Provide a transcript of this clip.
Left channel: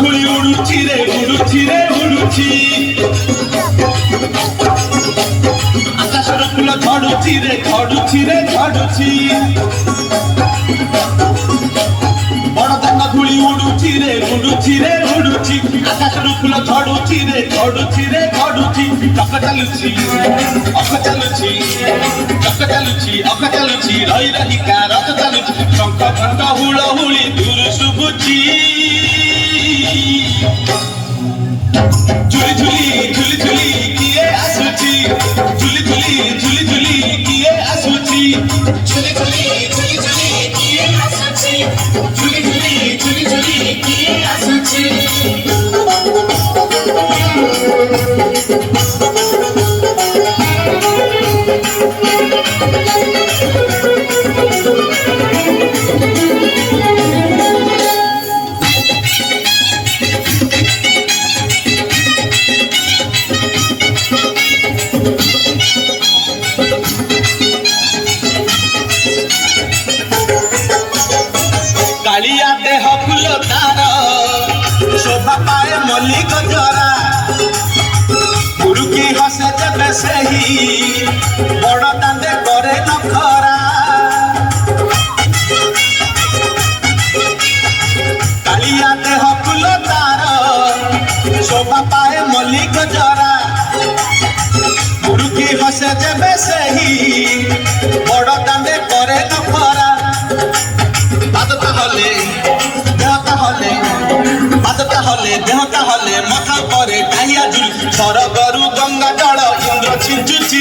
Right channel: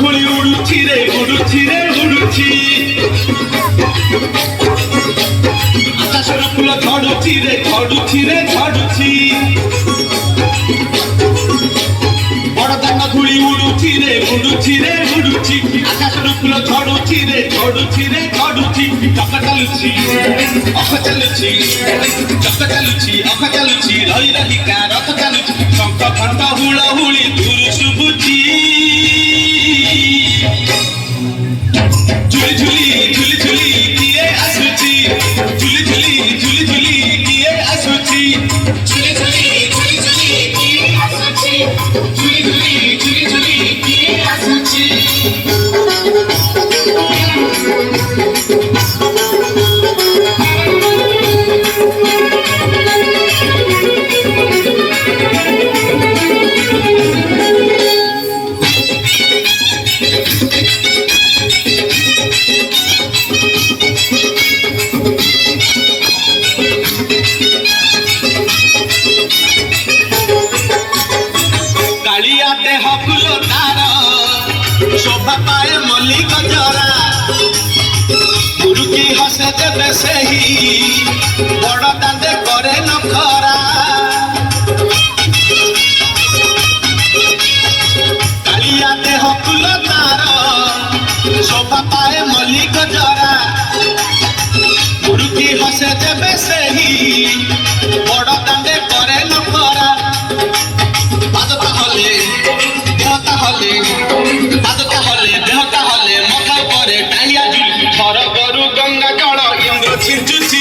ধুলি উড়ুছি রে উড়ুছি রে উড়ুছি আকাশের ফুল ঝড়ুছি রে ঝড়ুছি রে ঝড়ুছি বড় দানা ধুলি উড়ুছি রে উড়ুছি রে উড়ুছি আকাশের ফুল ঝড়ুছি রে ঝড়ুছি রে ঝড়ুছি চক চালুছি অখ চালুছি চক চালুছি অখ চালুছি রହି রহিକା ରଥ ଚାଲୁଛି ଶଙ୍ଖ ଘଣ୍ଟ ହୁଳହୁଳି ଦୂର ଶୁଭୁଛି ঝুলি ঝুলি ঝুলি ঝুলি কিয়ে আসুছি ঝুলি ঝুলি ঝুলি ঝুলি কিয়ে আসুছি ঝুলি ঝুলি ঝুলি ঝুলি কিয়ে আসুছি ঝুলি ঝুলি ঝুলি ঝুলি কিয়ে আসুছি কালিয়া দেহ ফুল তার শোভা পায় মল্লিক জরা মুরুকি হসে দেবে সেই বড় দাঁতে করে নখরা কালিয়া দেহ ফুল তার শোভা পায় মল্লিক জরা মুরুকি হসে দেবে সেই বড় দাঁতে করে নখরা বাদতা হলে দেহতা হলে মাথা পরে টাইয়া ঝুল সরগরু গঙ্গা জল ইন্দ্র ছিঞ্চুছি